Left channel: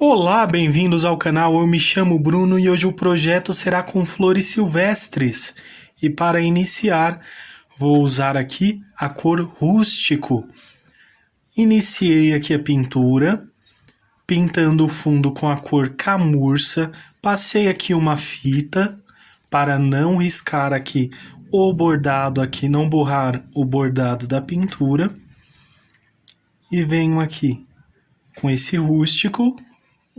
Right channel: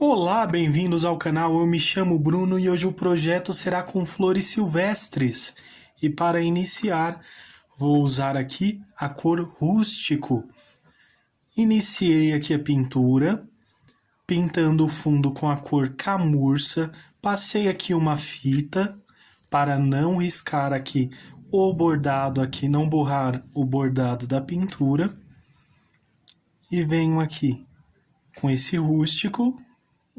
Olá, bem-vindos ao canal. Eu me chamo Bruno e hoje o projeto será com flores silvestres. E para iniciar, vou usar aqui a cor rústico. Iniciei aqui a pintura, pintando o fundo com a cor camurça. Passei aqui uma fita para não riscar aqui o bordado, aqui não borrar o bordado da pintura. E venho aqui com esse rústico.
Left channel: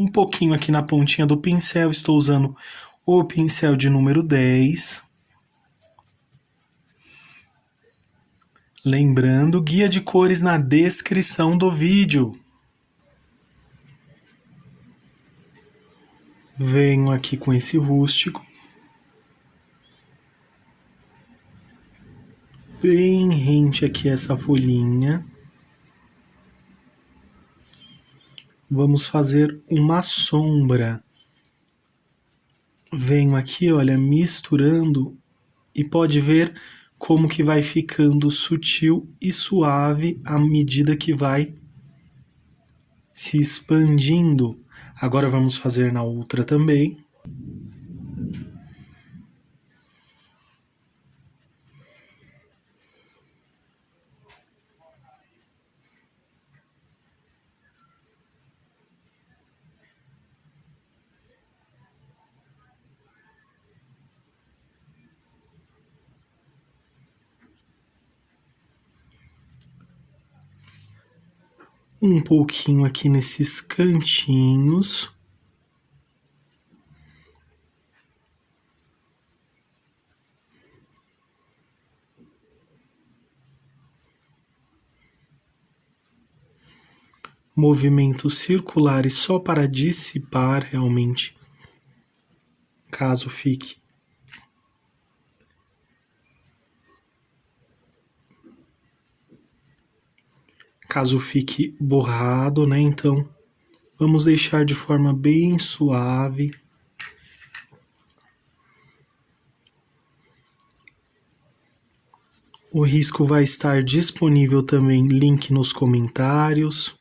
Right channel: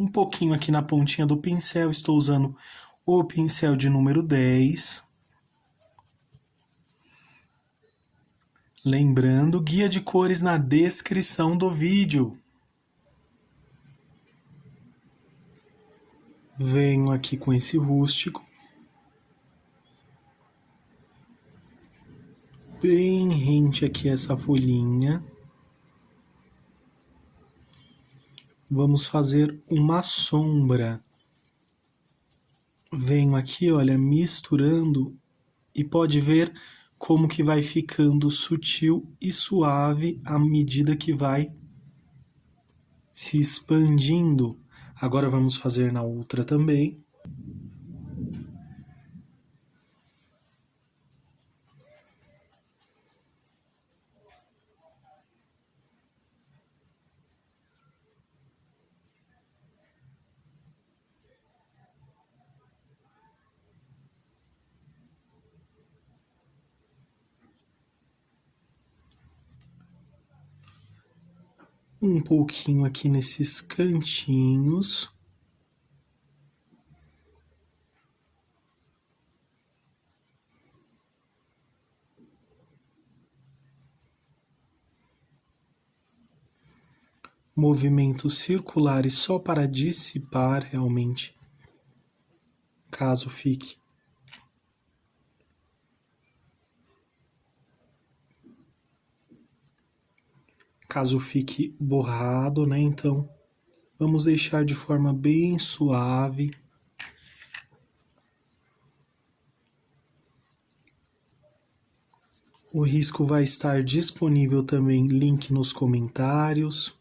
Um pouquinho aqui na pontinha do pincel, estou usando o pincel de número 10. Lembrando, guia de cores na descrição do vídeo. Venho aqui com esse rústico. Bem rente aqui essa folhinha. Vamos fazer uma sombra. Venho aqui, olha, misturando e pode ver como que vai ficando sutil e suave à medida que vai se expandindo. Agora vamos fazer na outra também. Um pouquinho aqui nesses cantinhos. Movimentos circulares só para dissipar realmente, caso fique. Caso fique borrado, né? Então, vamos deixar de forma bem suave. O risco vai estar disponível também, link nos comentários.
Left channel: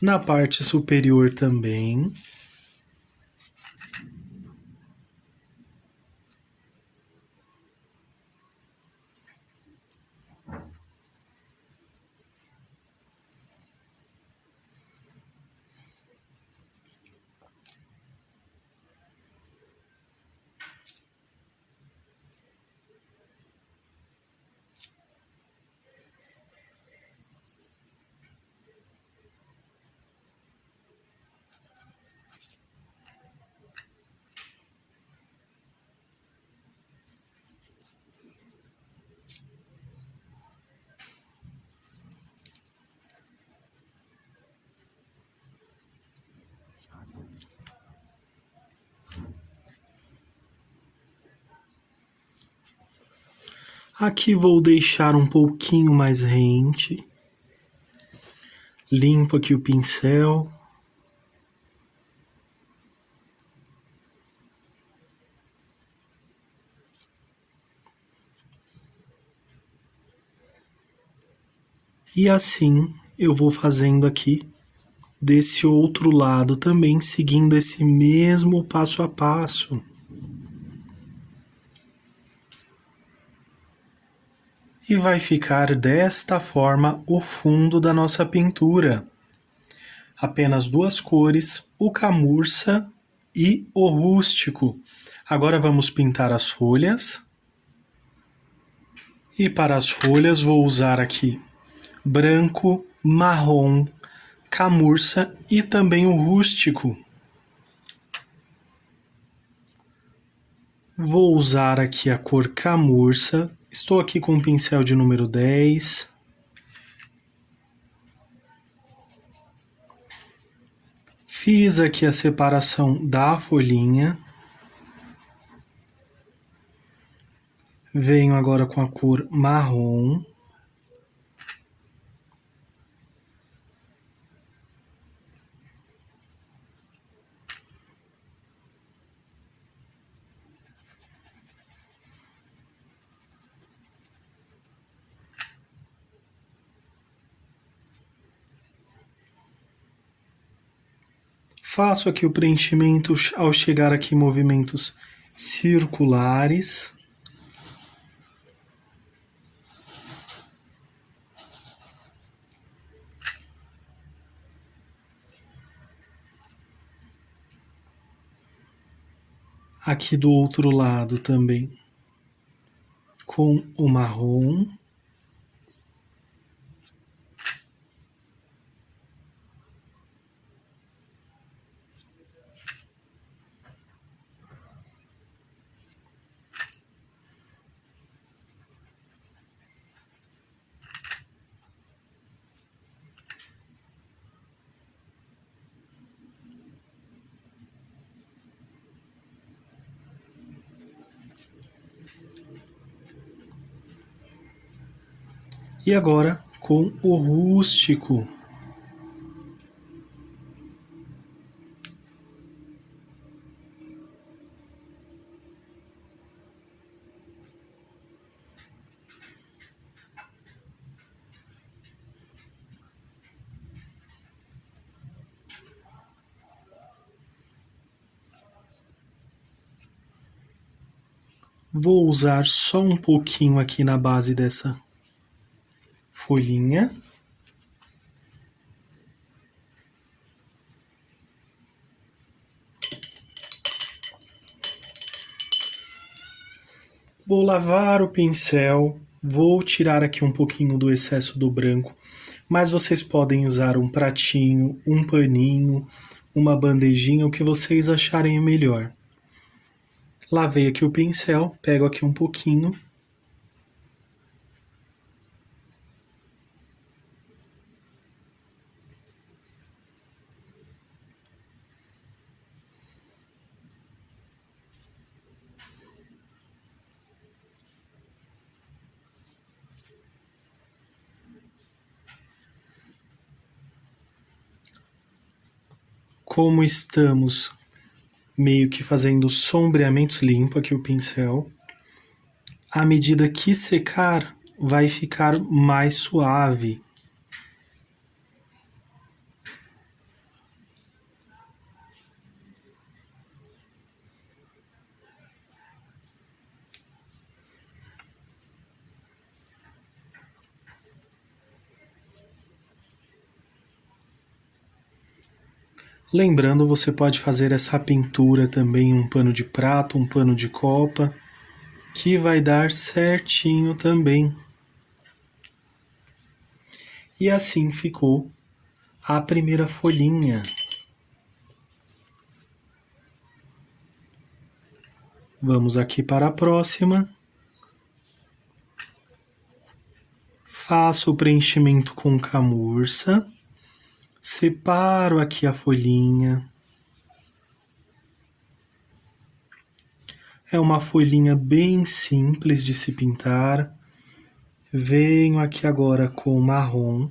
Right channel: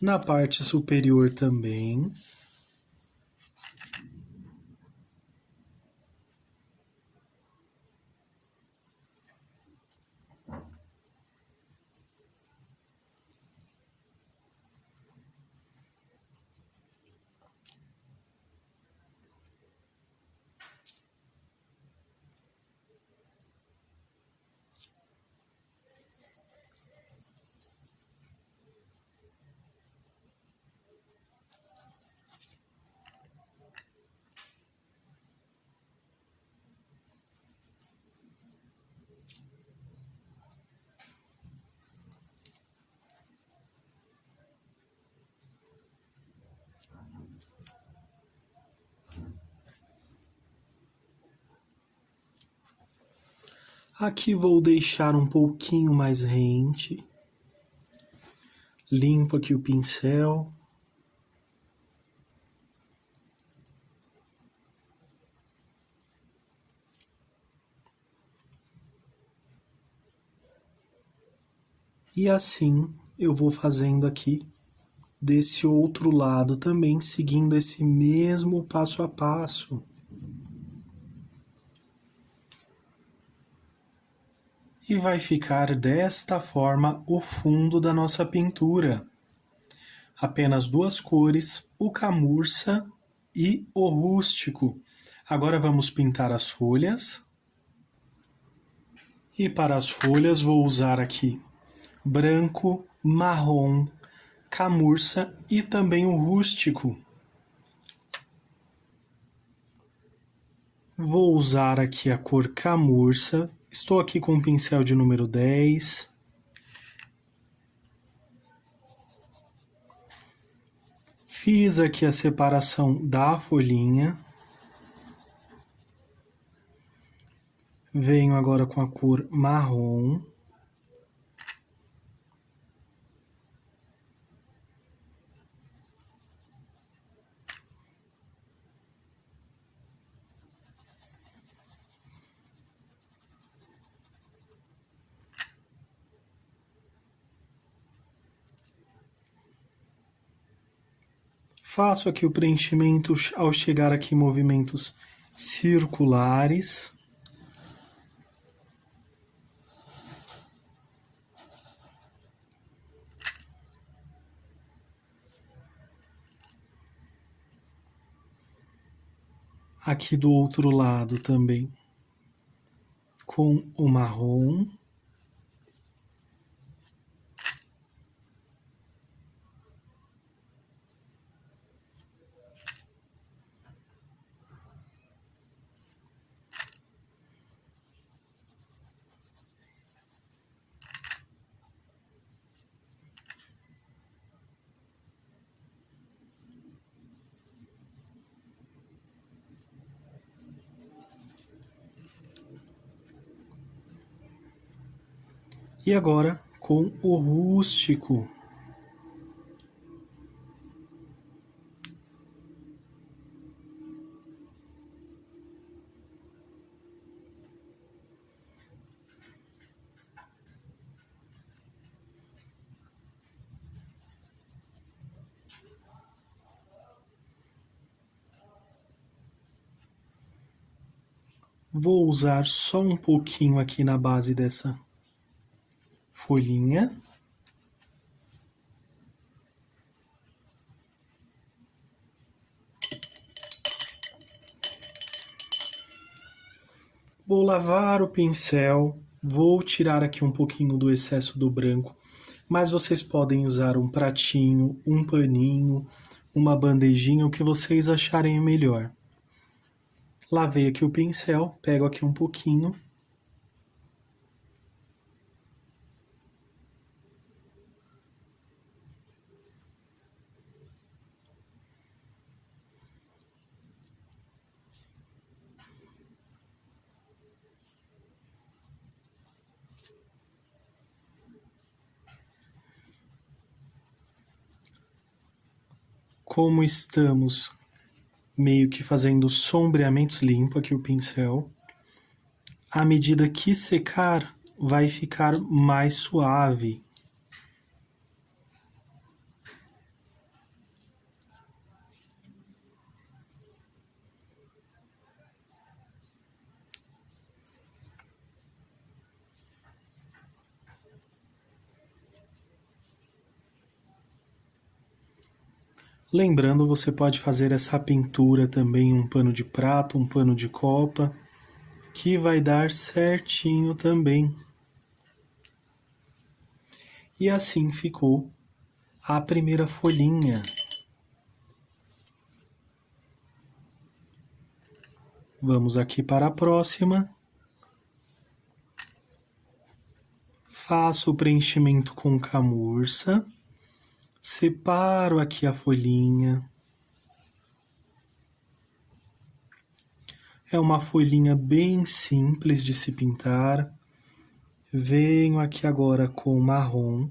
Na parte superior também. Aqui vou deixar um pouquinho mais rente. Limpo aqui o pincel. E assim eu vou fazendo aqui desse outro lado também, seguindo esse mesmo passo a passo. E vai ficar desta forma o fundo da nossa pintura. Apenas duas cores, o camurça e o rústico. Agora vamos pintar as folhas. E para as folhas vou usar aqui branco, marrom, camurça e também o rústico. Vou usar aqui a cor camurça. Estou aqui com o pincel de número 10. Fiz aqui a separação da folhinha. Venho agora com a cor marrom. Faço aqui o preenchimento ao chegar aqui em movimentos circulares. Aqui do outro lado também, com o marrom. E agora com o rústico. Vou usar só um pouquinho aqui na base dessa folhinha. Vou lavar o pincel, vou tirar aqui um pouquinho do excesso do branco, mas vocês podem usar um pratinho, um paninho, uma bandejinha, o que vocês acharem melhor. Lavei aqui o pincel, pego aqui um pouquinho. Como estamos meio que fazendo sombreamentos, limpo aqui o pincel. À medida que secar, vai ficar mais suave. Lembrando, você pode fazer essa pintura também em um pano de prato, um pano de copa, que vai dar certinho também. E assim ficou a primeira folhinha. Vamos aqui para a próxima. Faço o preenchimento com camurça. Separo aqui a folhinha. É uma folhinha bem simples de se pintar. Venho aqui agora com o marrom.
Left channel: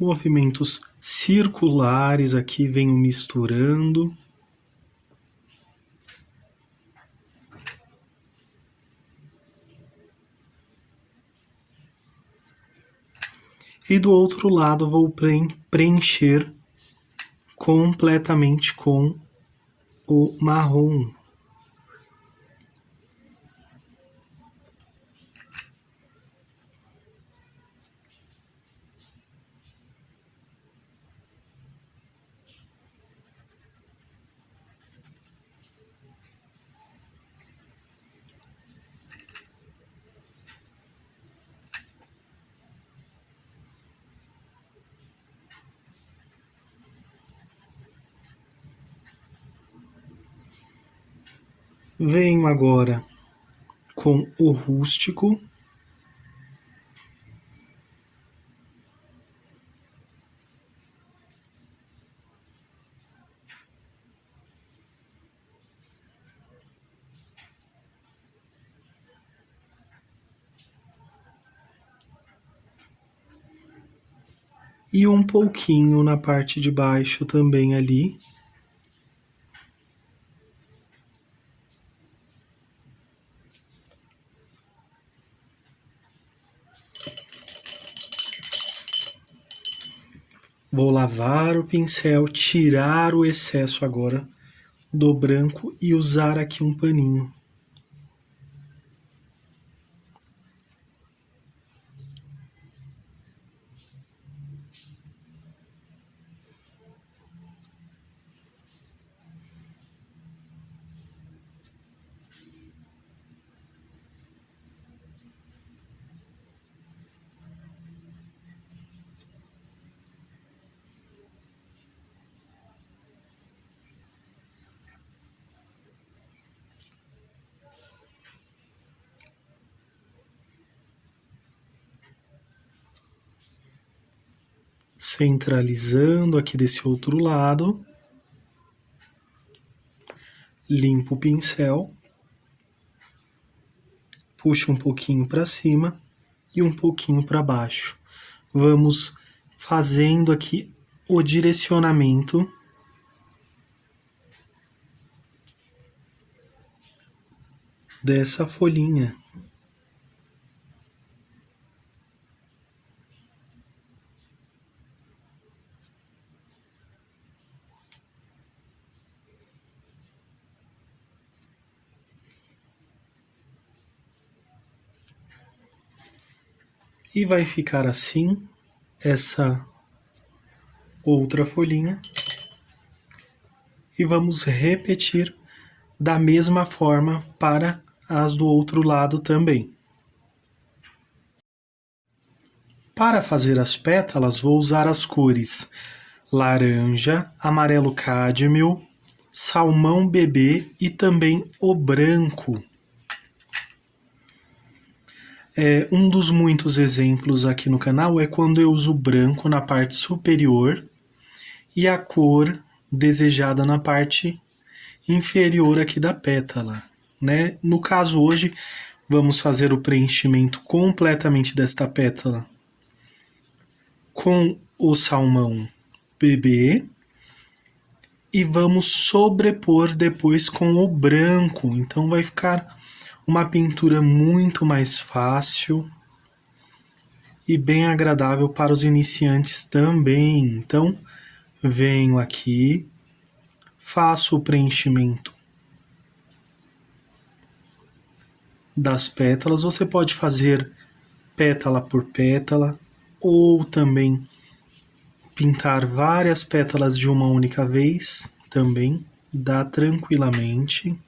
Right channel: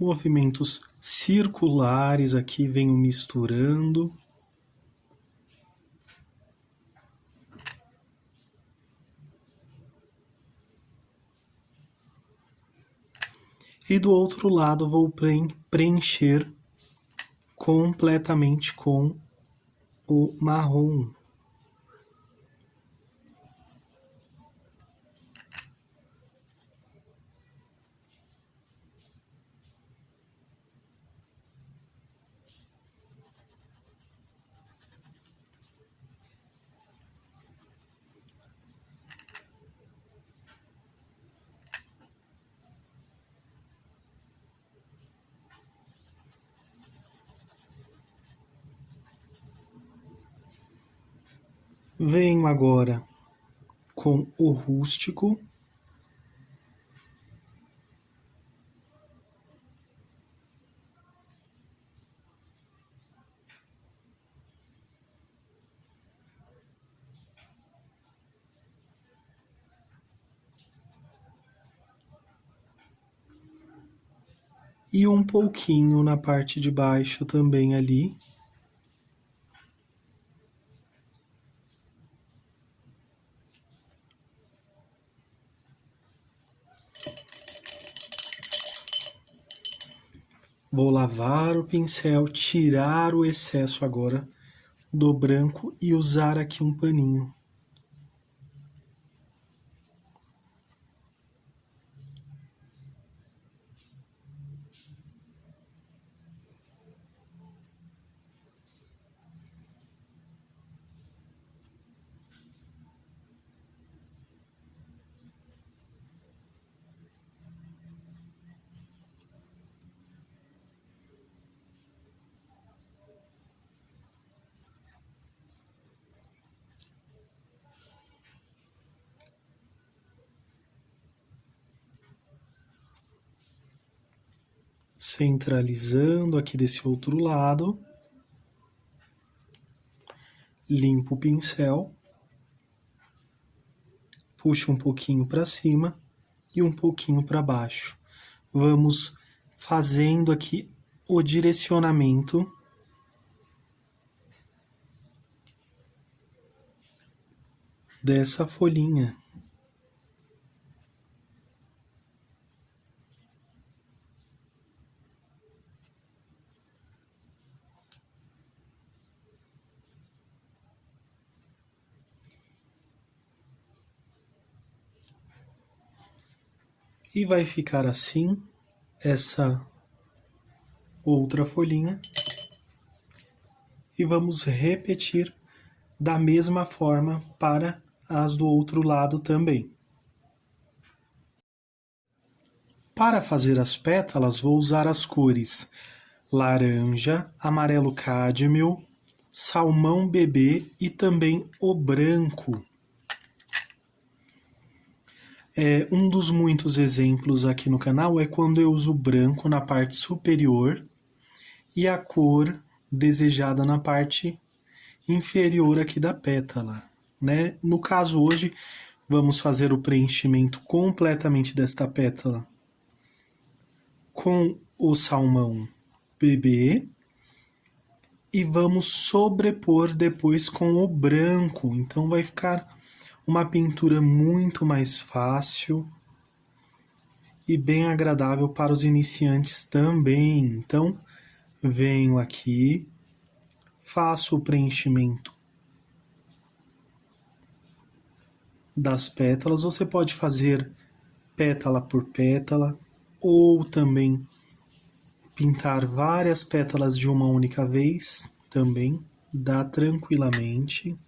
Movimentos circulares aqui, venho misturando. E do outro lado vou preencher completamente com o marrom. Venho agora com o rústico. E um pouquinho na parte de baixo também ali. Vou lavar o pincel, tirar o excesso agora do branco e usar aqui um paninho. Centralizando aqui desse outro lado. Limpo o pincel. Puxo um pouquinho para cima e um pouquinho para baixo. Vamos fazendo aqui o direcionamento dessa folhinha. E vai ficar assim, essa outra folhinha. E vamos repetir da mesma forma para as do outro lado também. Para fazer as pétalas, vou usar as cores laranja, amarelo cádmio, salmão bebê e também o branco. Um dos muitos exemplos aqui no canal é quando eu uso branco na parte superior e a cor desejada na parte inferior aqui da pétala, né? No caso hoje, vamos fazer o preenchimento completamente desta pétala com o salmão bebê e vamos sobrepor depois com o branco, então vai ficar uma pintura muito mais fácil e bem agradável para os iniciantes também. Então, venho aqui, faço o preenchimento das pétalas. Você pode fazer pétala por pétala ou também pintar várias pétalas de uma única vez, também dá tranquilamente.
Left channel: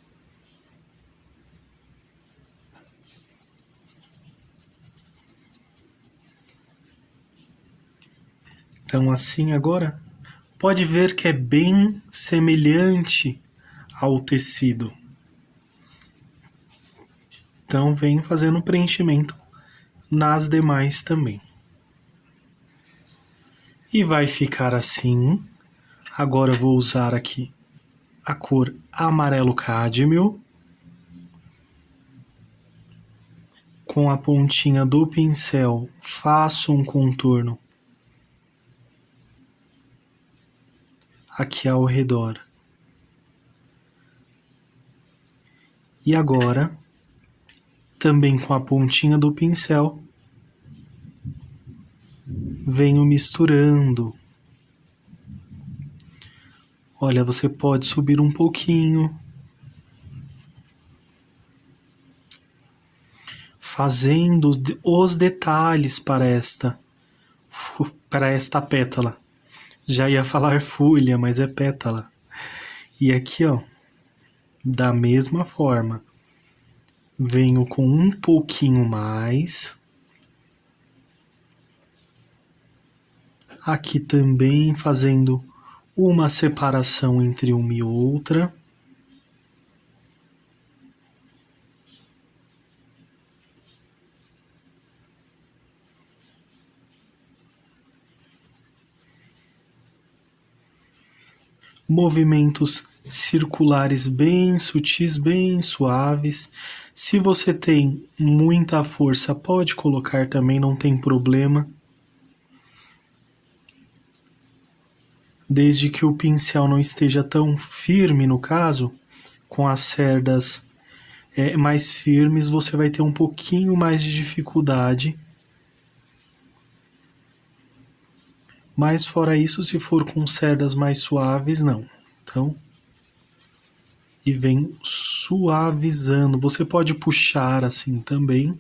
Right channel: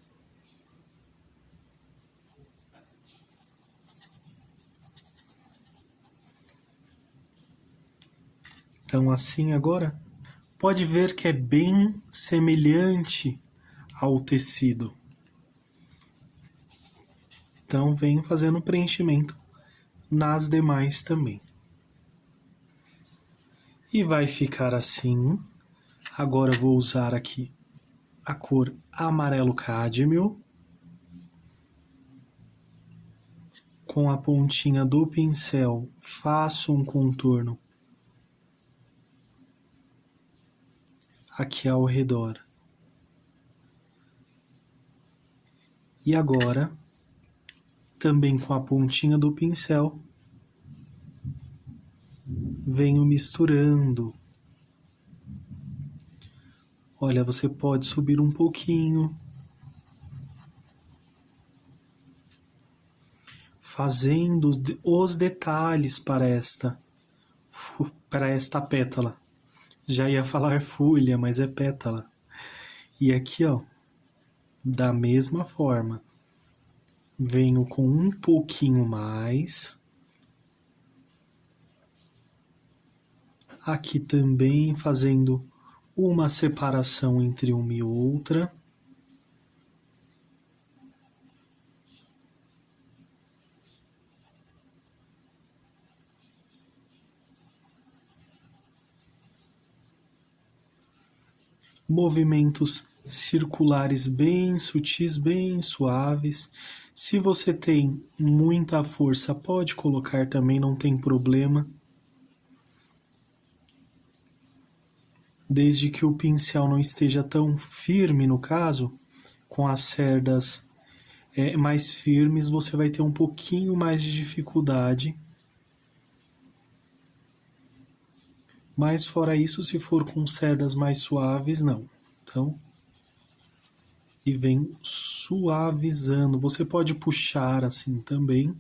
Então assim agora, pode ver que é bem semelhante ao tecido. Então venho fazendo preenchimento nas demais também. E vai ficar assim. Agora eu vou usar aqui a cor amarelo cádmio. Com a pontinha do pincel, faço um contorno aqui ao redor. E agora, também com a pontinha do pincel, venho misturando. Olha, você pode subir um pouquinho, fazendo os detalhes para esta pétala. Já ia falar folha, mas é pétala. E aqui, ó, da mesma forma, venho com um pouquinho mais. Aqui também fazendo uma separação entre uma e outra. movimentos circulares bem sutis, bem suaves. Se você tem muita força, pode colocar também, não tem problema. Desde que o pincel não esteja tão firme, no caso, com as cerdas mais firmes, você vai ter um pouquinho mais de dificuldade. Mas fora isso, se for com cerdas mais suaves, não. Então, e vem suavizando. Você pode puxar assim também.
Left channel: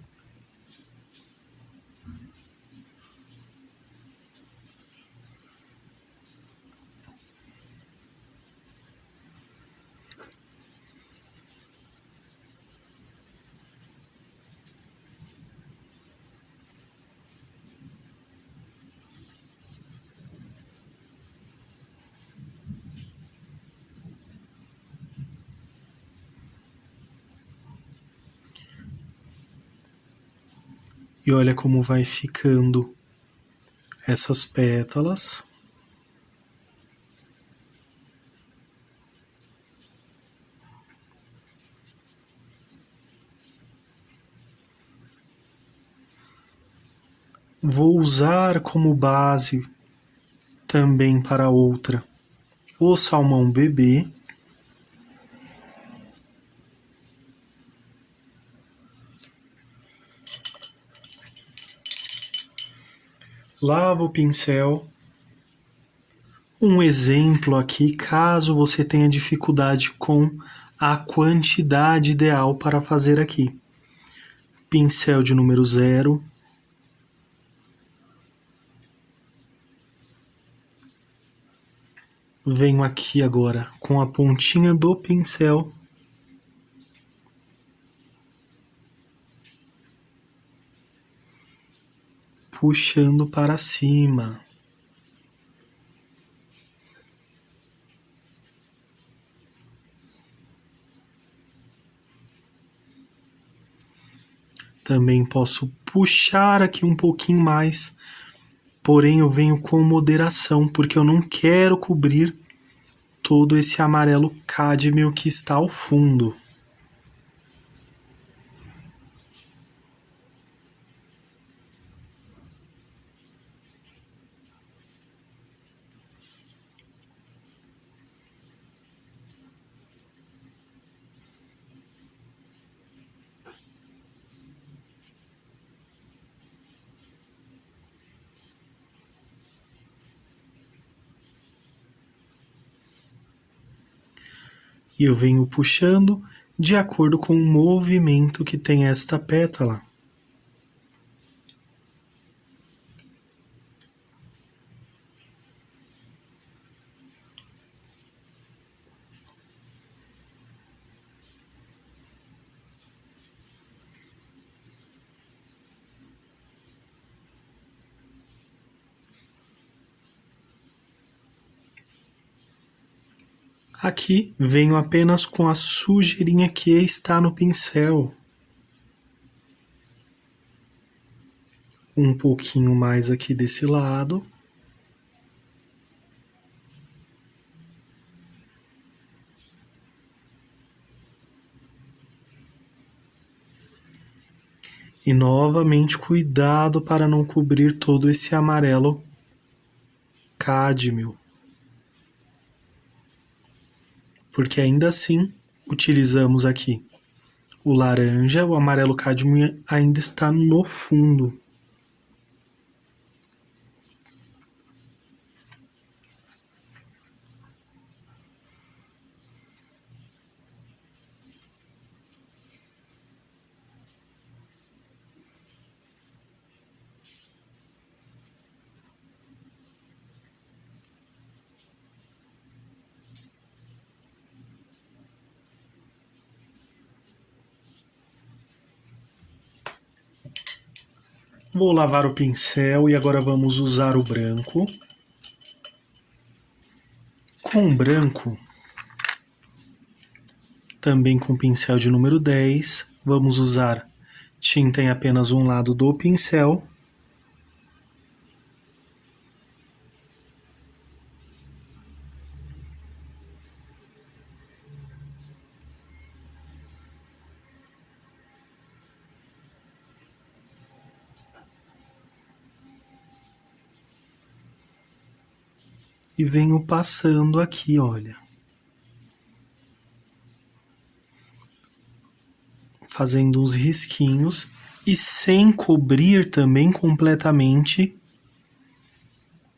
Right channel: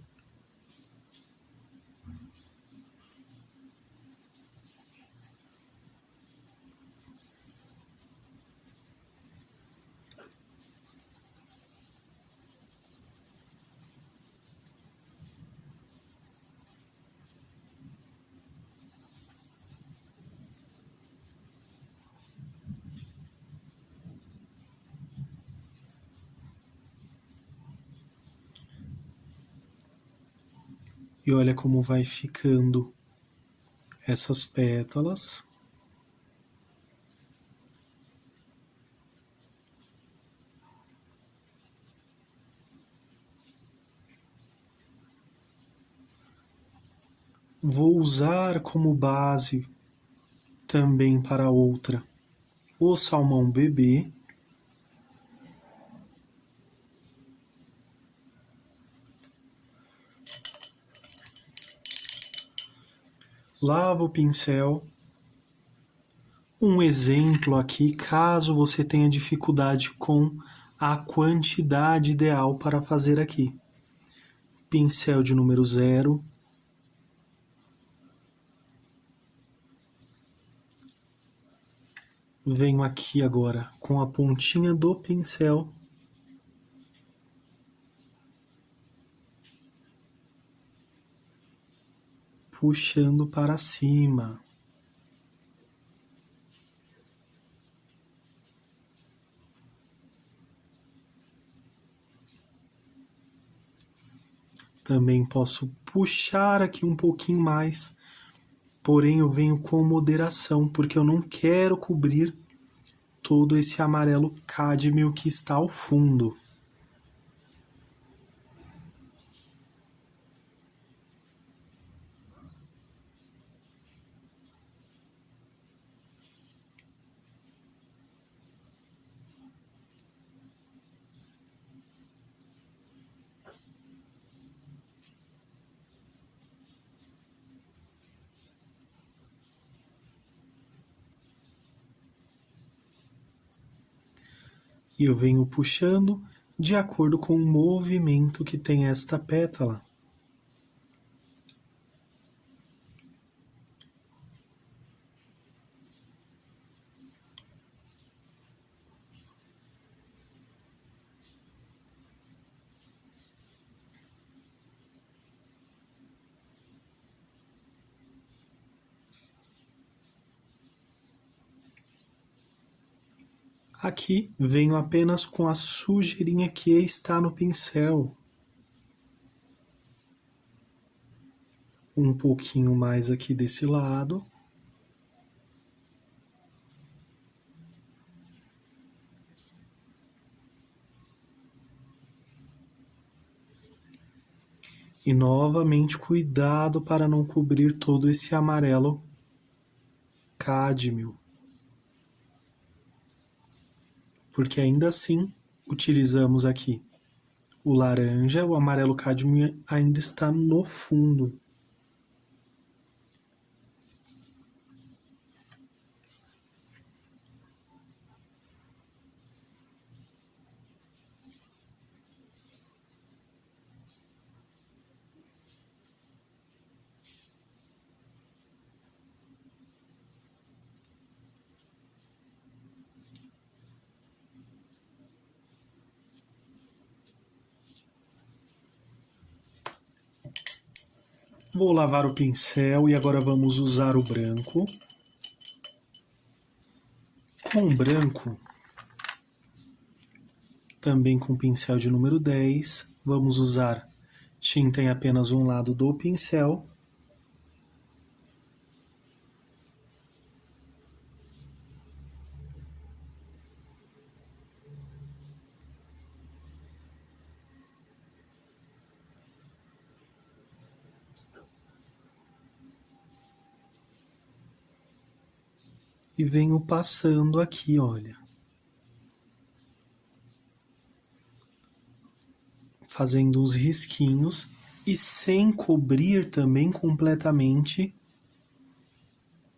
E olha como vai ficando essas pétalas. Vou usar como base também para outra o salmão bebê. Lavo o pincel. Um exemplo aqui, caso você tenha dificuldade com a quantidade ideal para fazer aqui. Pincel de número 0. Venho aqui agora com a pontinha do pincel. Puxando para cima. Também posso puxar aqui um pouquinho mais, porém eu venho com moderação, porque eu não quero cobrir todo esse amarelo cádmio que está ao fundo. E eu venho puxando de acordo com o movimento que tem esta pétala. Aqui venho apenas com a sujeirinha que está no pincel. Um pouquinho mais aqui desse lado. E novamente cuidado para não cobrir todo esse amarelo cádmio. Porque ainda assim utilizamos aqui o laranja, o amarelo cádmio ainda está no fundo. Vou lavar o pincel e agora vamos usar o branco. Com o branco, também com o pincel de número 10, vamos usar tinta em apenas um lado do pincel. e venho passando aqui, olha. Fazendo uns risquinhos e sem cobrir também completamente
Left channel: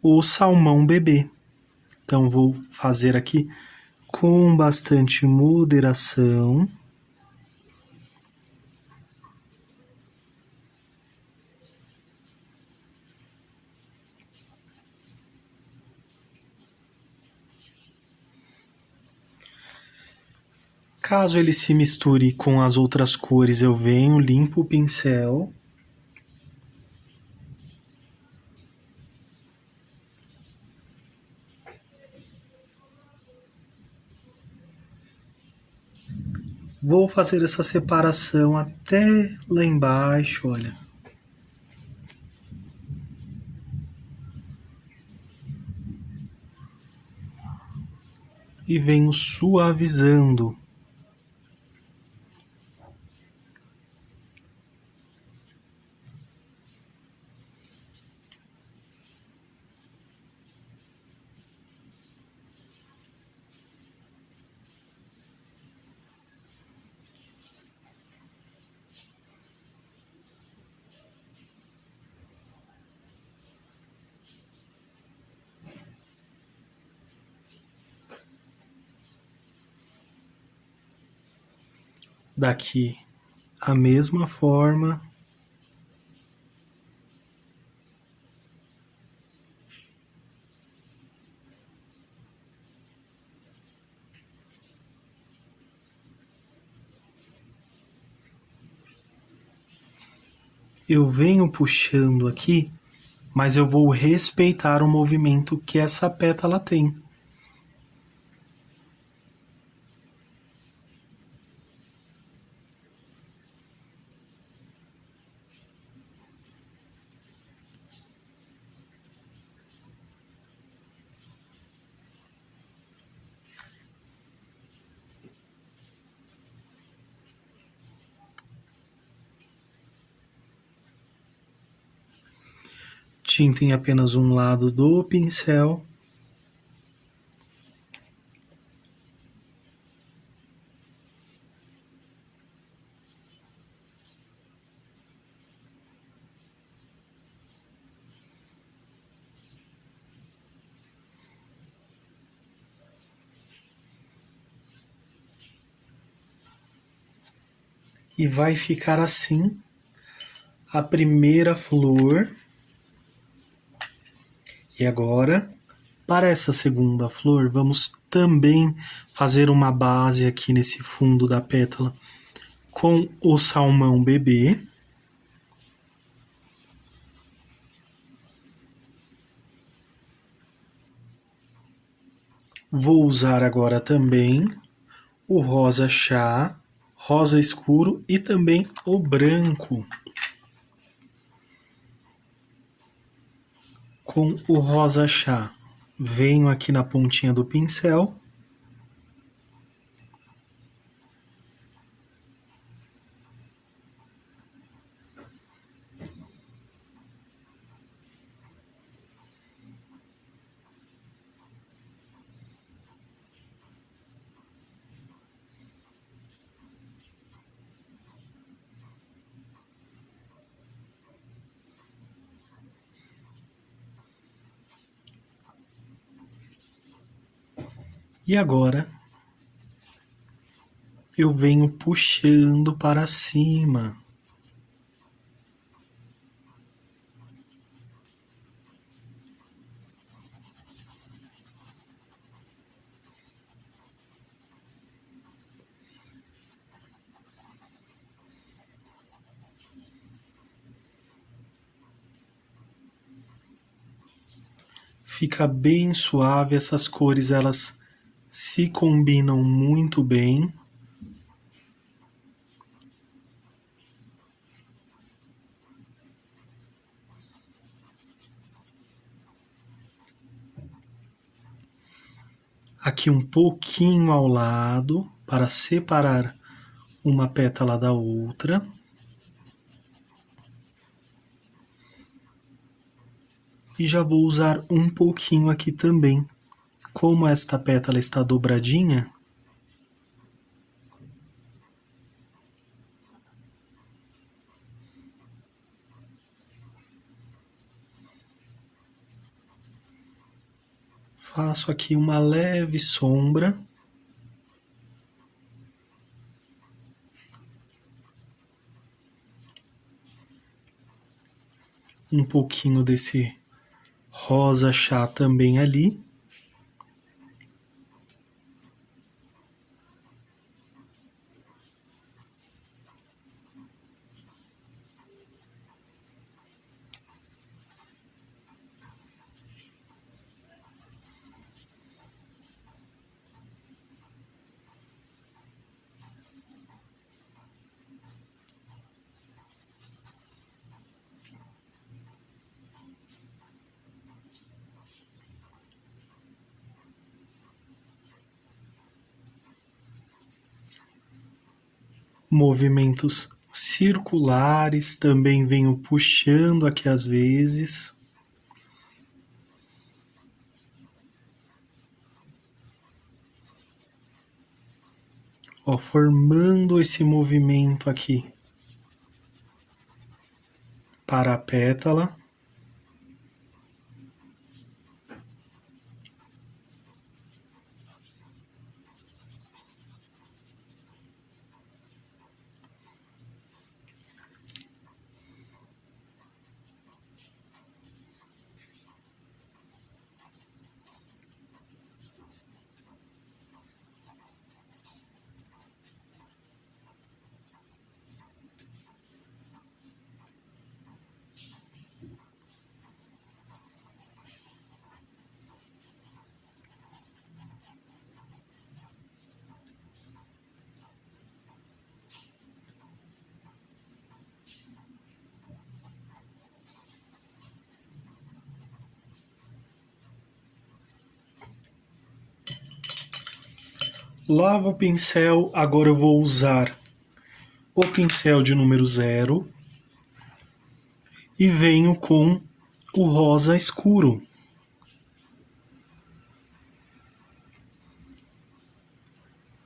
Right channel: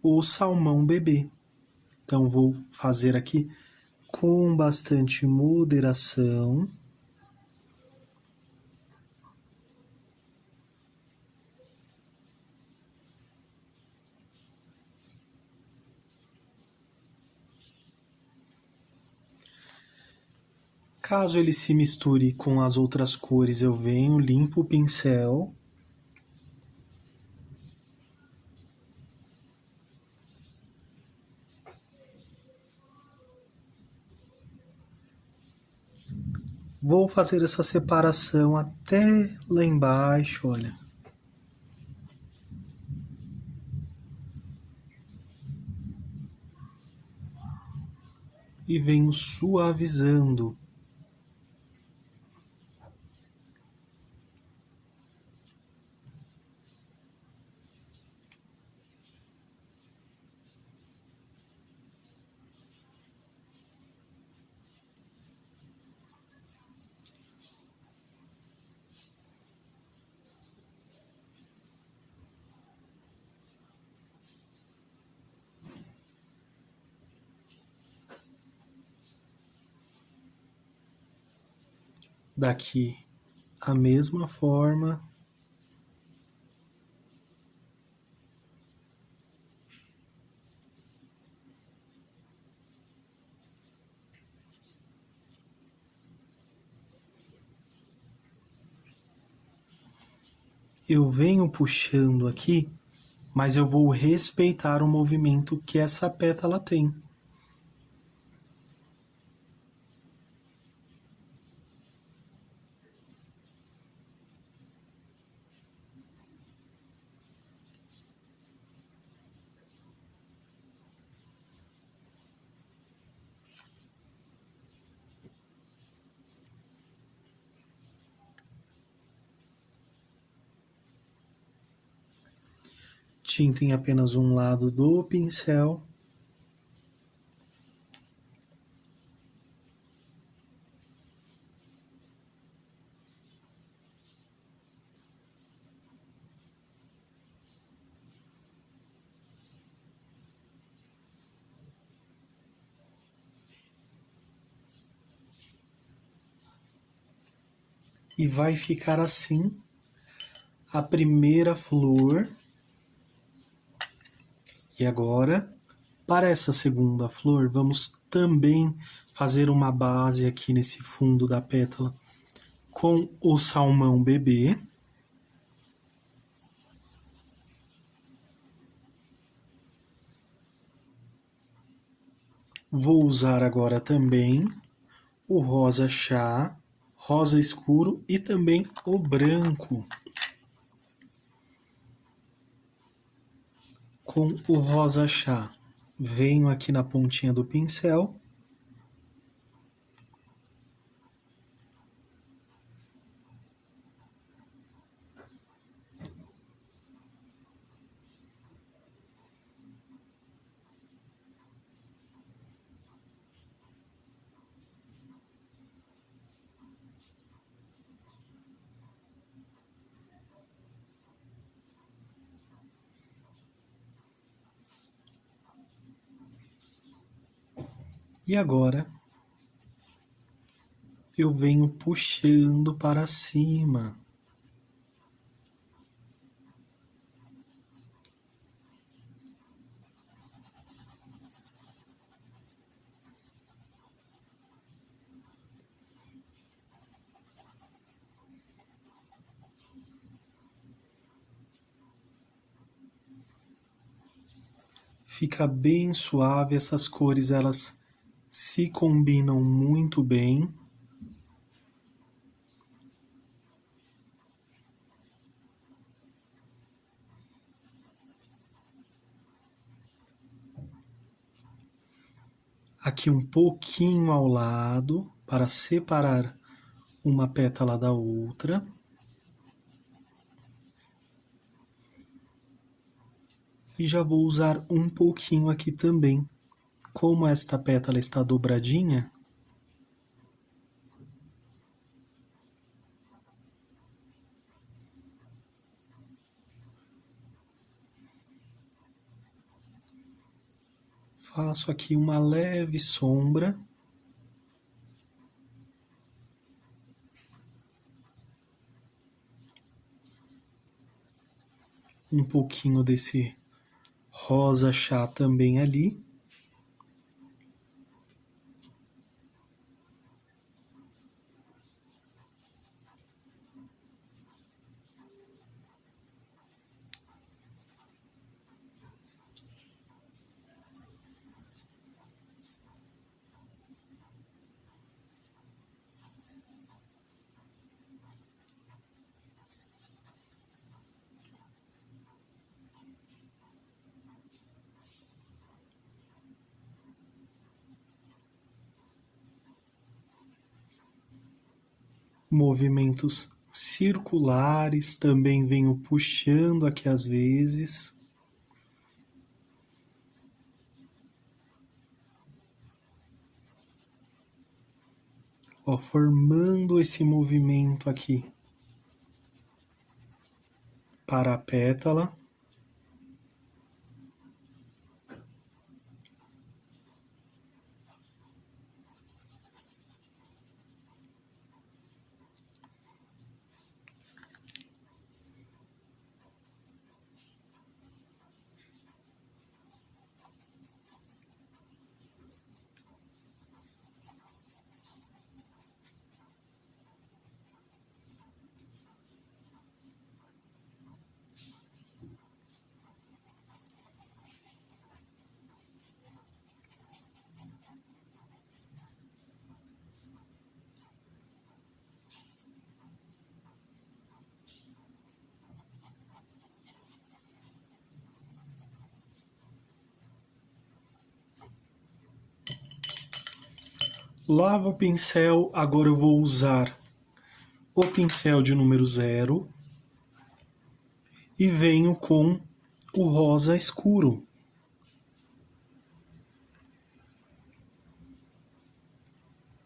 o salmão bebê. Então, vou fazer aqui com bastante moderação. Caso ele se misture com as outras cores, eu venho, limpo o pincel. Vou fazer essa separação até lá embaixo, olha. E venho suavizando. Daqui a mesma forma. Eu venho puxando aqui, mas eu vou respeitar o movimento que essa pétala tem. Tinta em apenas um lado do pincel. E vai ficar assim a primeira flor. E agora, para essa segunda flor, vamos também fazer uma base aqui nesse fundo da pétala com o salmão bebê. Vou usar agora também o rosa chá, rosa escuro e também o branco. Com o rosa chá, venho aqui na pontinha do pincel. E agora eu venho puxando para cima. Fica bem suave, essas cores elas se combinam muito bem. Aqui um pouquinho ao lado para separar uma pétala da outra. E já vou usar um pouquinho aqui também como esta pétala está dobradinha, faço aqui uma leve sombra. Um pouquinho desse rosa chá também ali. Movimentos circulares, também venho puxando aqui às vezes. Ó, formando esse movimento aqui para a pétala. Lavo o pincel, agora eu vou usar o pincel de número 0 e venho com o rosa escuro.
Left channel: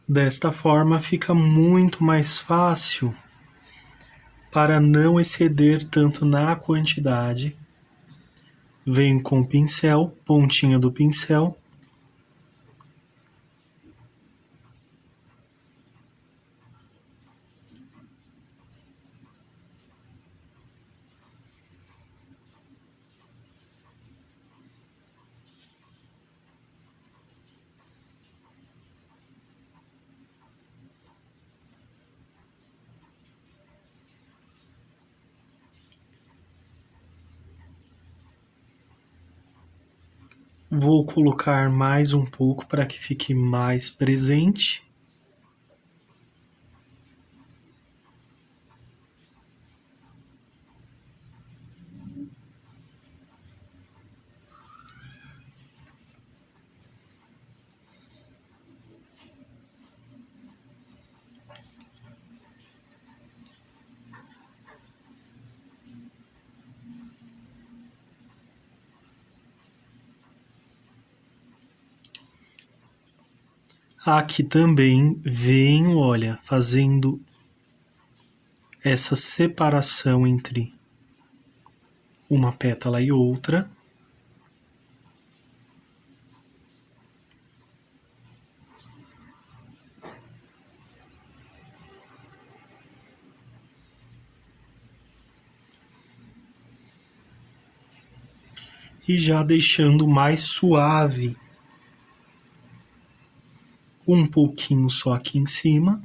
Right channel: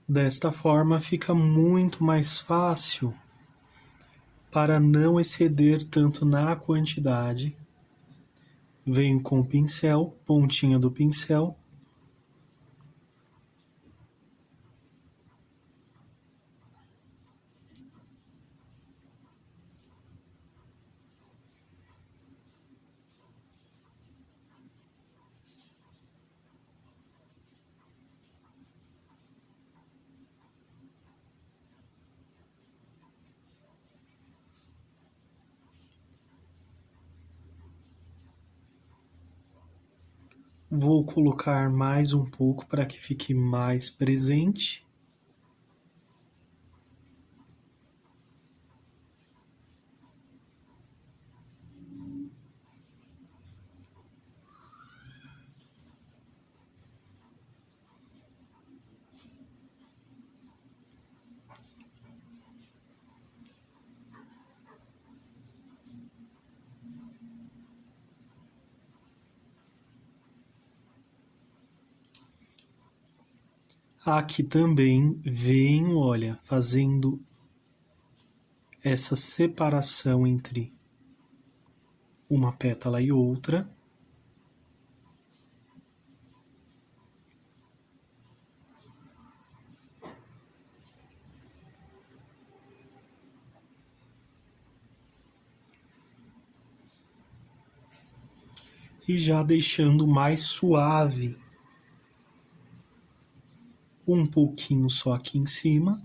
Desta forma fica muito mais fácil para não exceder tanto na quantidade. Venho com o pincel, pontinha do pincel. Vou colocar mais um pouco para que fique mais presente. Aqui também venho, olha, fazendo essa separação entre uma pétala e outra. E já deixando mais suave um pouquinho só aqui em cima.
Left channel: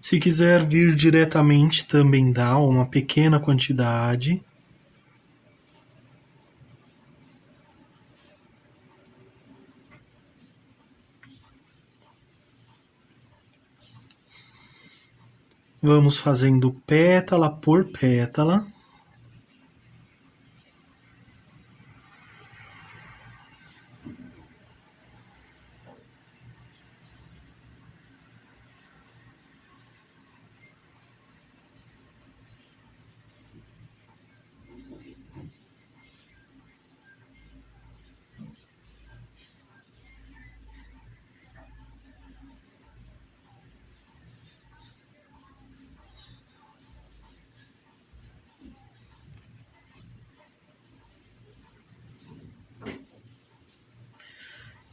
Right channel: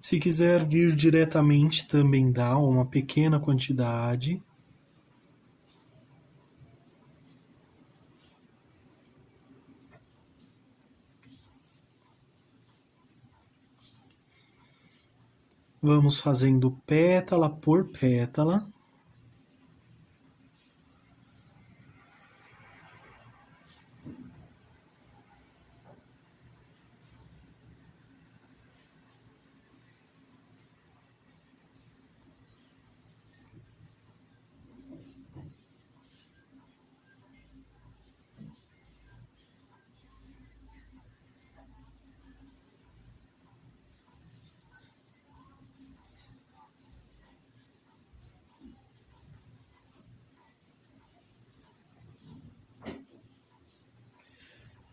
Se quiser vir diretamente também dá uma pequena quantidade. Vamos fazendo pétala por pétala.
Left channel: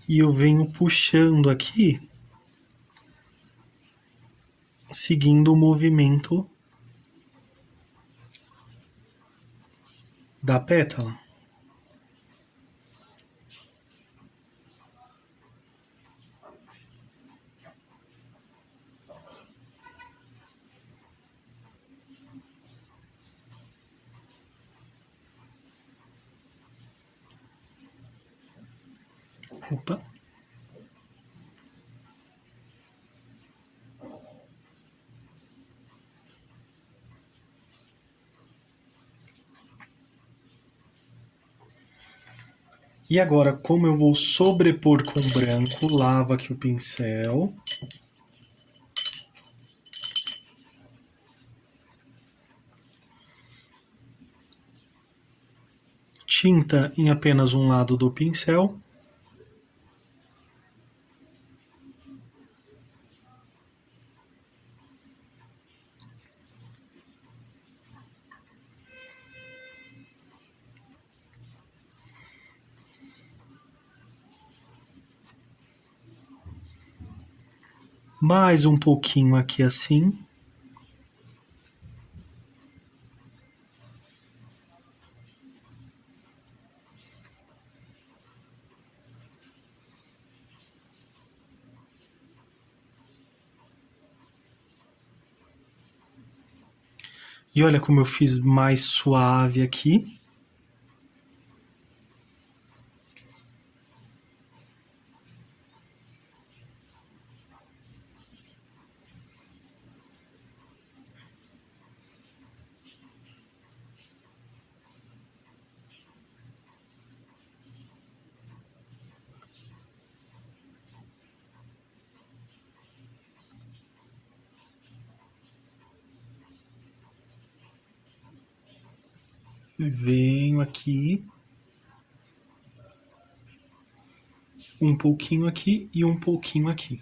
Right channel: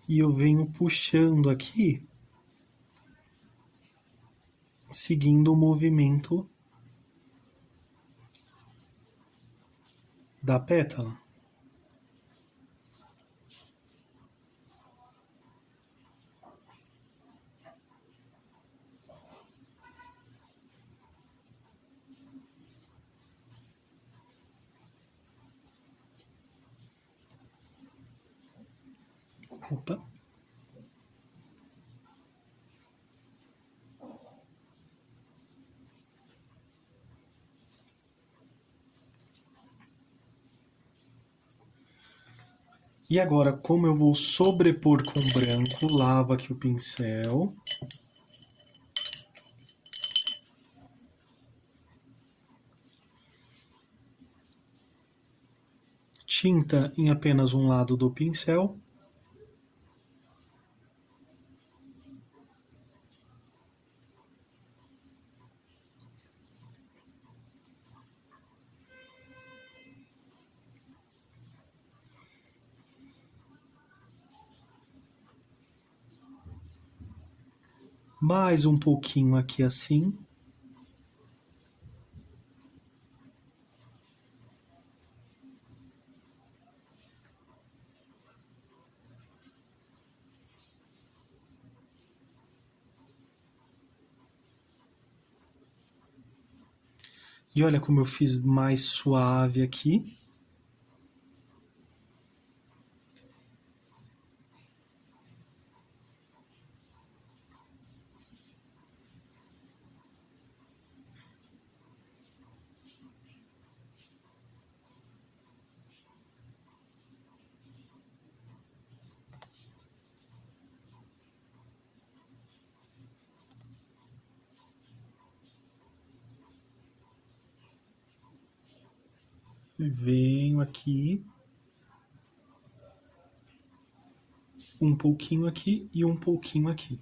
e eu venho puxando aqui, seguindo o movimento da pétala. Opa. E agora, como eu vou sobrepor com branco, lavo aqui o pincel. Tinta em apenas um lado do pincel. Mais um pouquinho aqui assim. E olha como eu fiz mais suave aqui. Venho aqui. Um pouquinho aqui e um pouquinho aqui.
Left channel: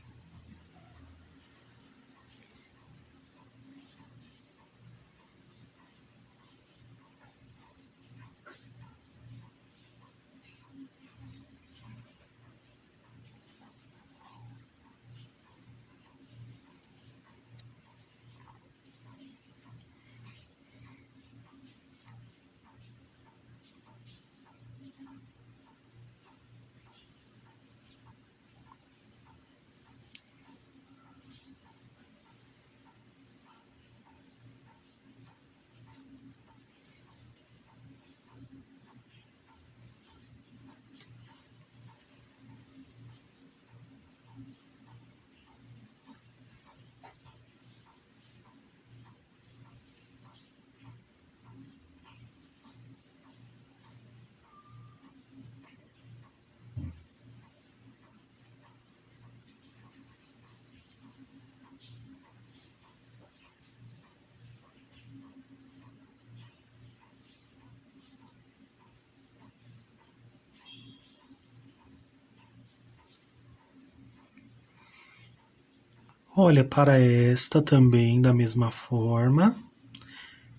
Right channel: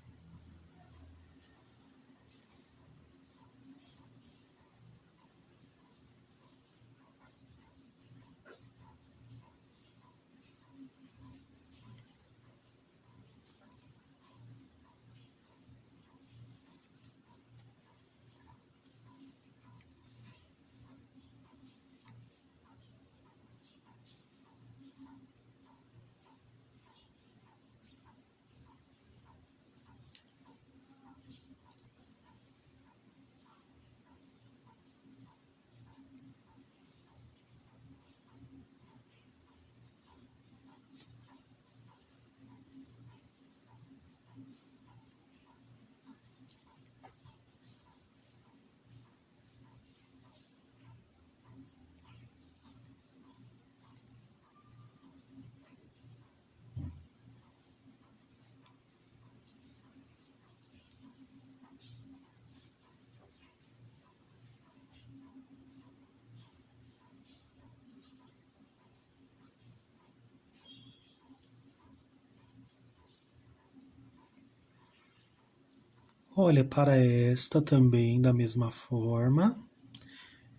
Olha, para esta também da mesma forma.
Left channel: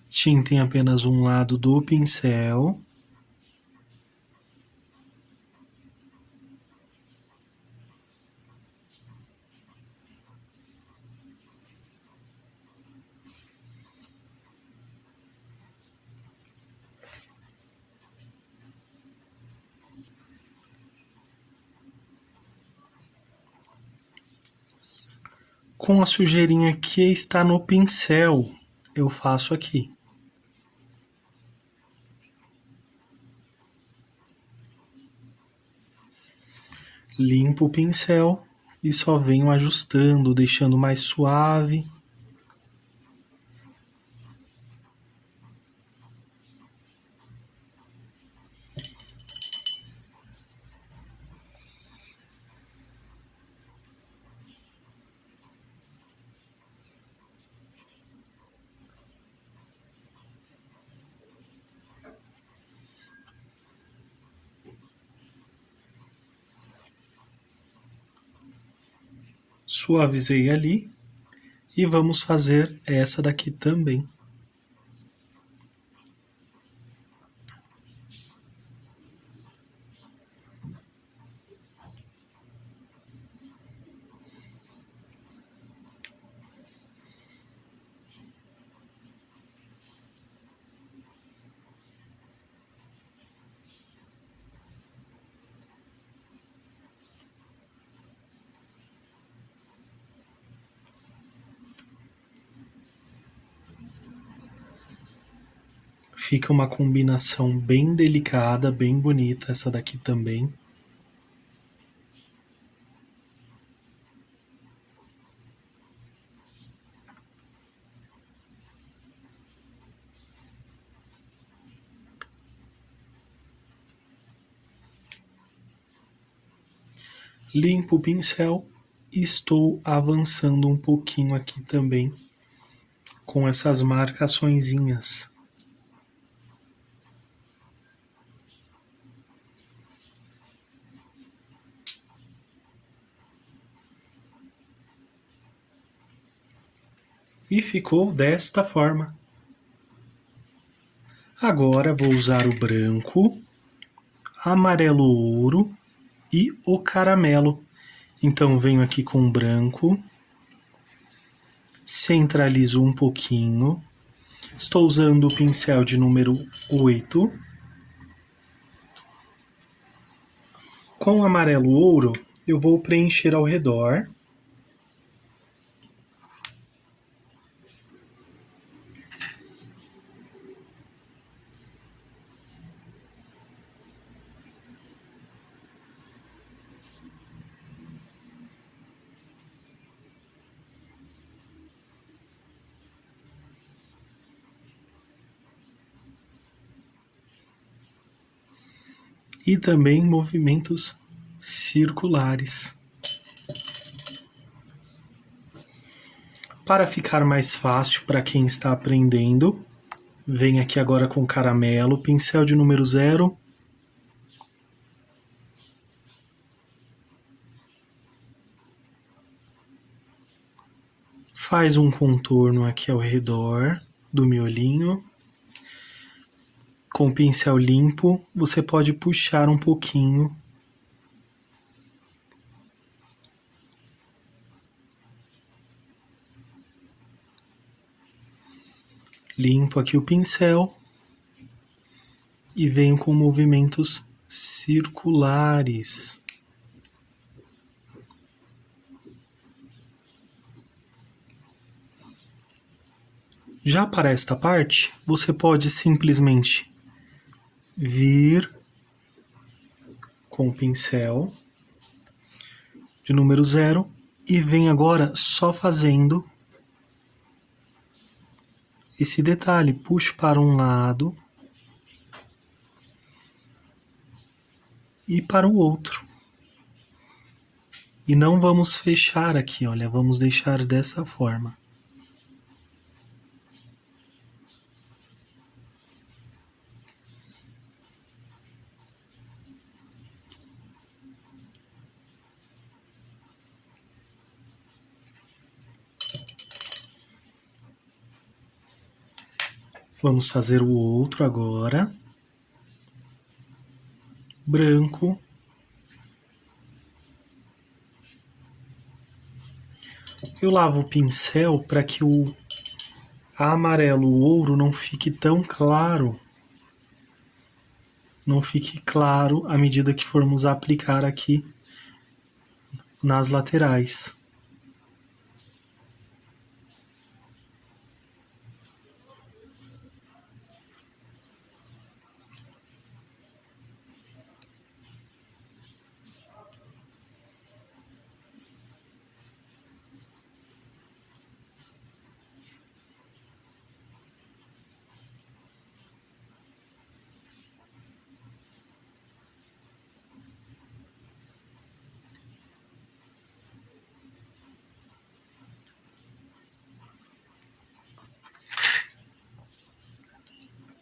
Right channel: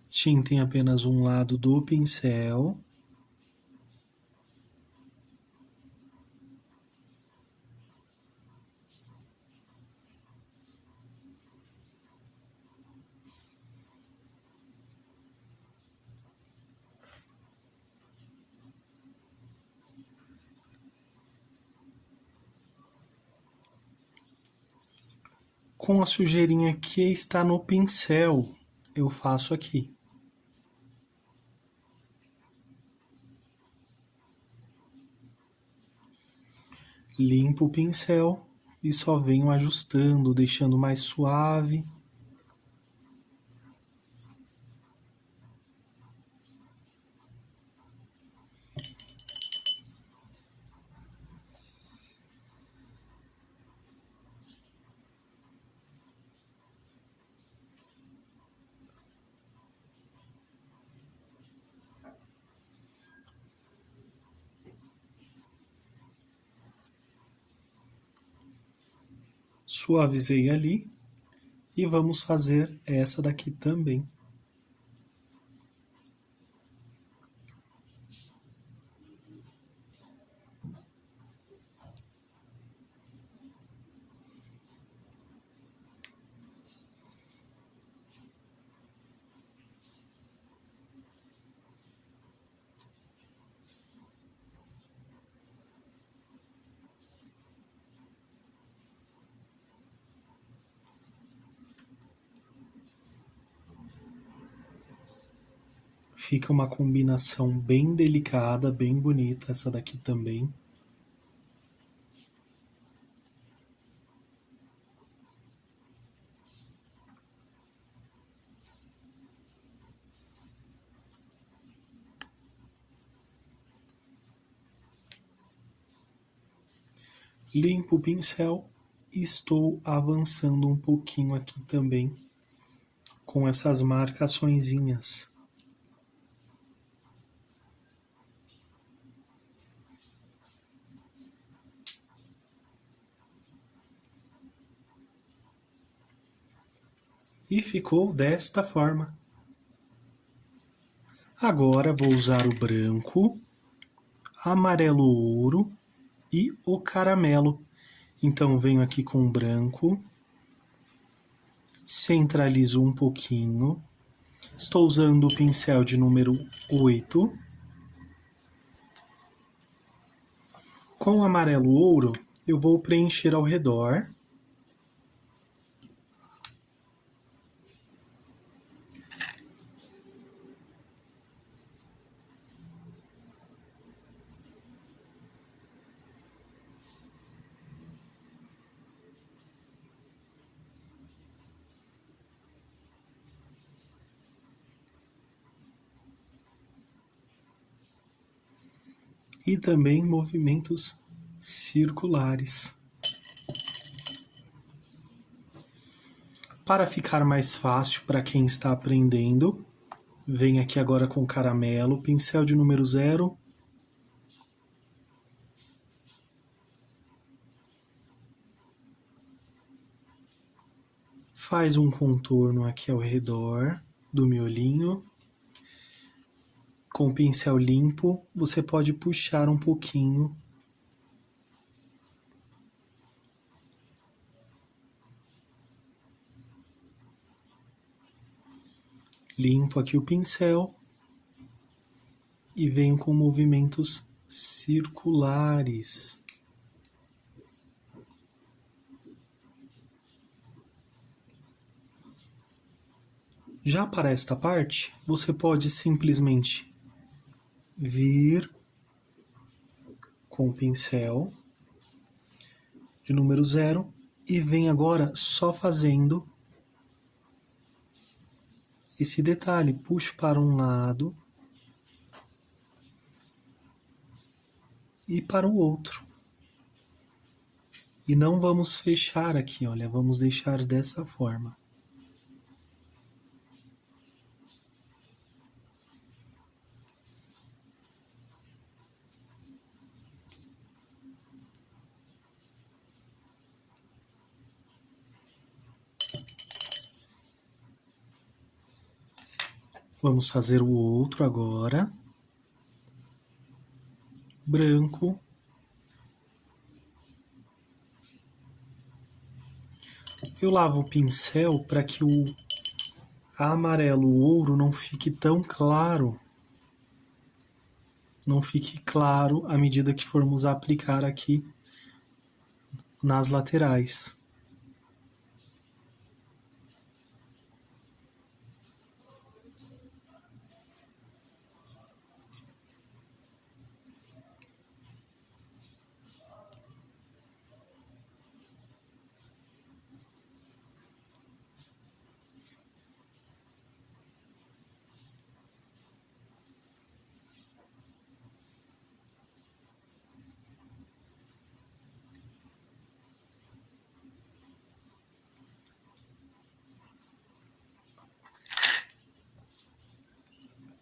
Tinta em apenas um lado do pincel. Com a sujeirinha que está no pincel, eu faço aqui. Limpo o pincel e só venho ajustando, deixando mais suave. Suavizei ali e vamos fazer essa daqui também. Fica uma combinação bem delicada, bem bonita essa daqui também. Limpo o pincel e estou avançando um pouquinho aqui também com essas marcaçõezinhas. E ficou desta forma. Agora vou usar o branco, amarelo ouro e o caramelo. Então venho aqui com o branco, centralizo um pouquinho. Estou usando o pincel de número 8. Com o amarelo ouro, eu vou preencher ao redor. E também movimentos circulares. Para ficar mais fácil para quem está aprendendo, venho aqui agora com caramelo, pincel de número 0. Faz um contorno aqui ao redor do miolinho. Com o pincel limpo, você pode puxar um pouquinho. Limpo aqui o pincel e venho com movimentos circulares. Já para esta parte, você pode simplesmente vir com o pincel de número 0 e vem agora só fazendo esse detalhe. Puxo para um lado e para o outro. E não vamos fechar aqui, olha, vamos deixar dessa forma. Vamos fazer o outro agora. Branco. Eu lavo o pincel para que o amarelo, o ouro, não fique tão claro. Não fique claro à medida que formos aplicar aqui nas laterais.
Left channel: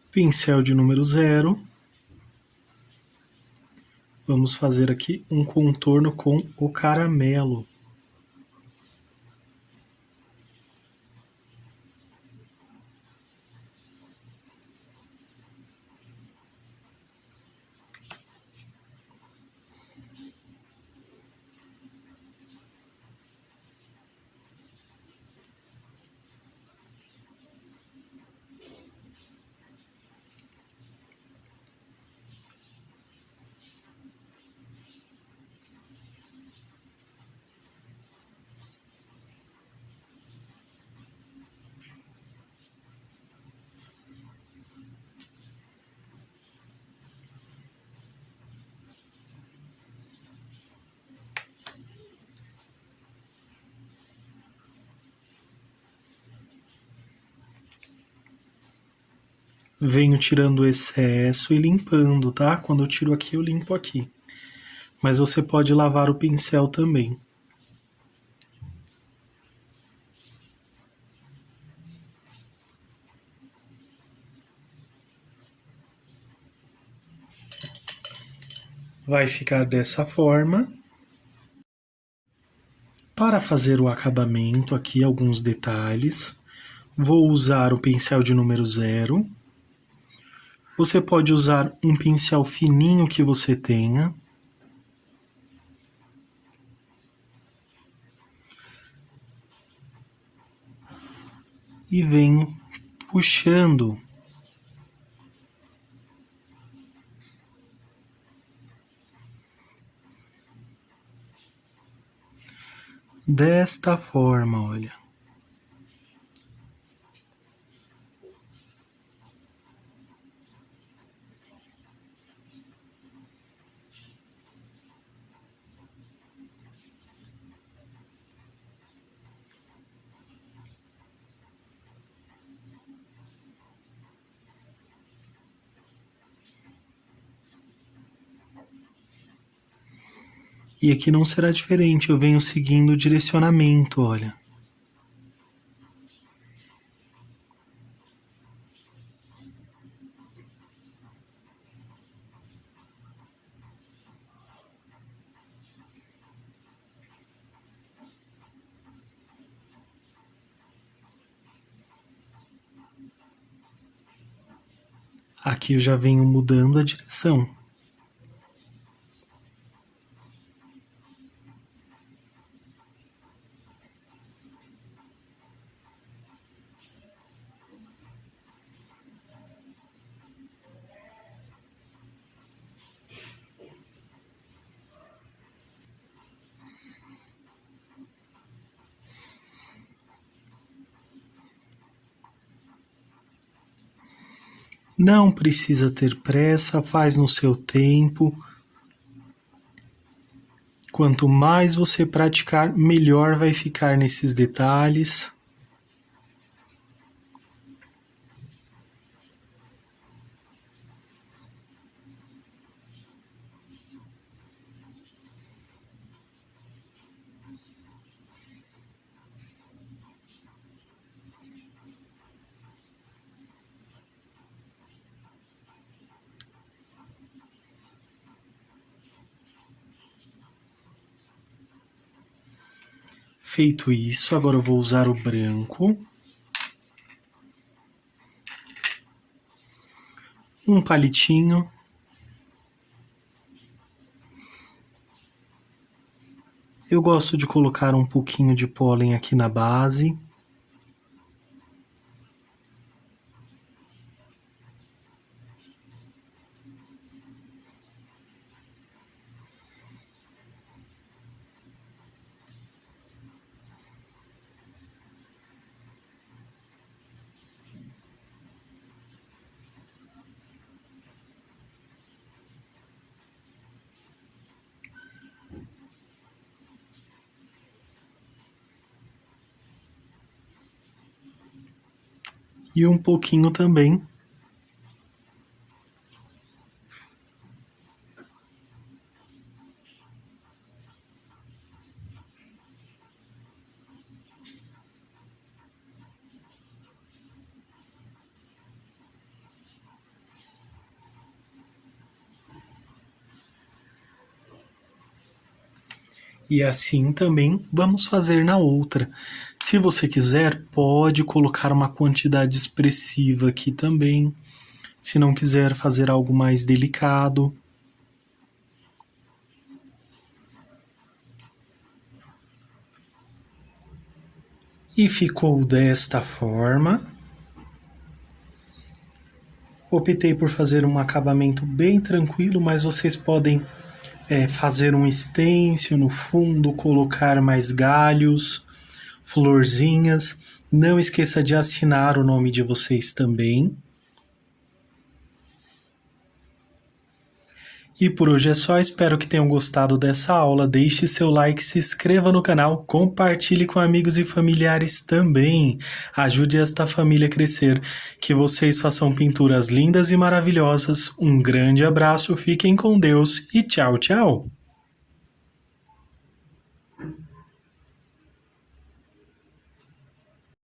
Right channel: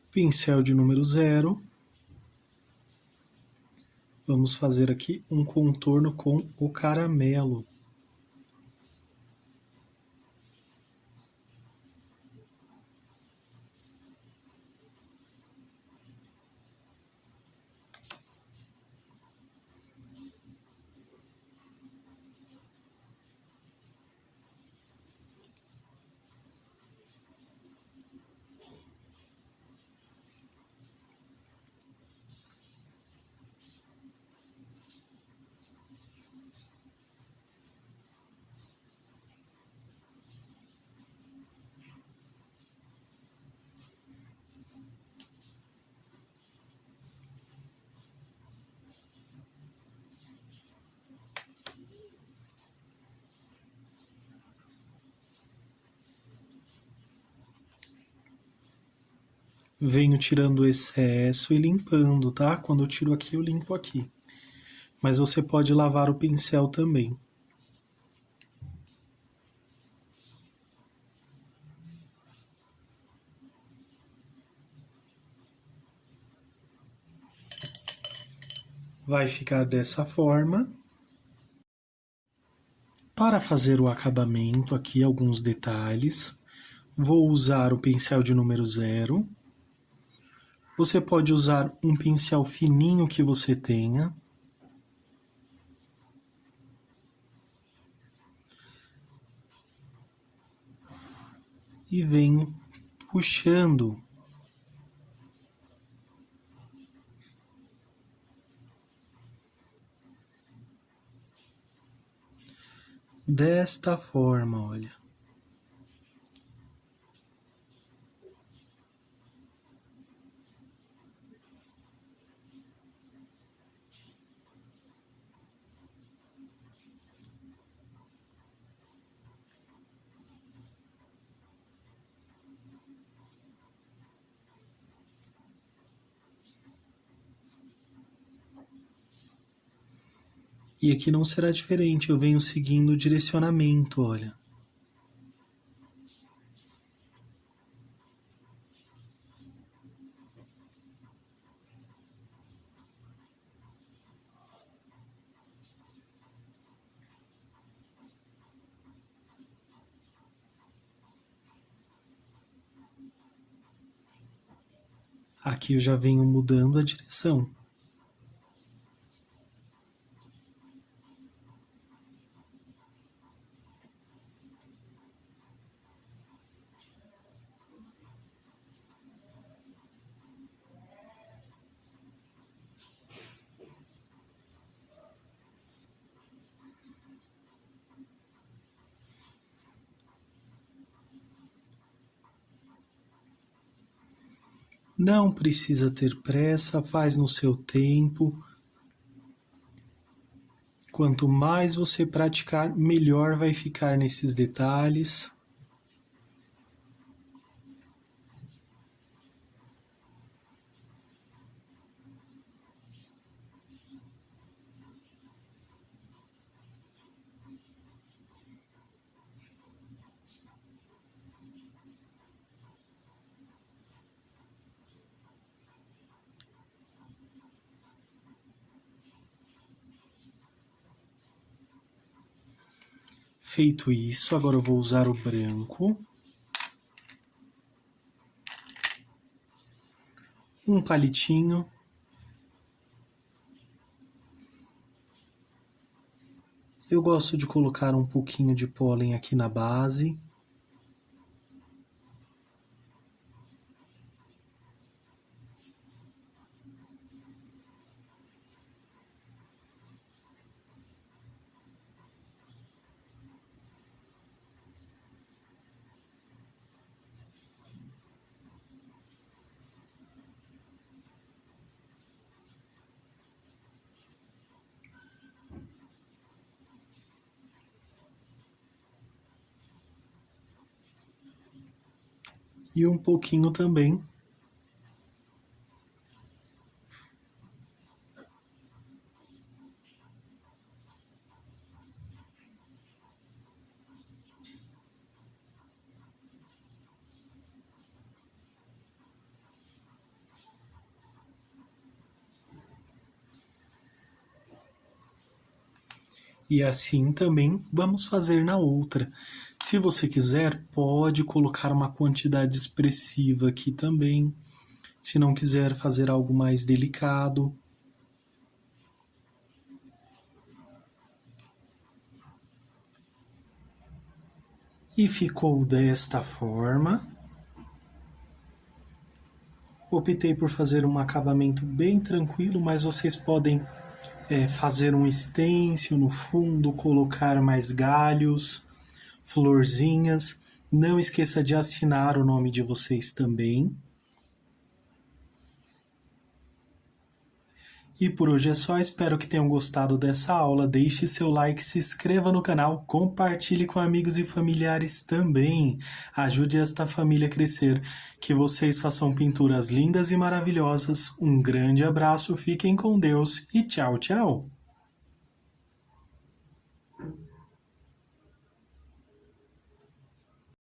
Pincel de número 0. Vamos fazer aqui um contorno com o caramelo. venho tirando o excesso e limpando, tá? Quando eu tiro aqui, eu limpo aqui. Mas você pode lavar o pincel também. Vai ficar dessa forma. Para fazer o acabamento, aqui alguns detalhes. Vou usar o pincel de número 0. Você pode usar um pincel fininho que você tenha. E vem puxando desta forma, olha. E aqui não será diferente, eu venho seguindo o direcionamento, olha. Aqui eu já venho mudando a direção. Não precisa ter pressa, faz no seu tempo. Quanto mais você praticar, melhor vai ficar nesses detalhes. Feito isso, agora eu vou usar o branco. Um palitinho. Eu gosto de colocar um pouquinho de pólen aqui na base. E um pouquinho também e assim também vamos fazer na outra. Se você quiser, pode colocar uma quantidade expressiva aqui também. Se não quiser fazer algo mais delicado. E ficou desta forma. Optei por fazer um acabamento bem tranquilo, mas vocês podem fazer um stencil no fundo, colocar mais galhos, florzinhas. Não esqueça de assinar o nome de vocês também. E por hoje é só, espero que tenham gostado dessa aula. Deixe seu like, se inscreva no canal, compartilhe com amigos e familiares também. Ajude esta família a crescer. Que vocês façam pinturas lindas e maravilhosas. Um grande abraço, fiquem com Deus e tchau, tchau!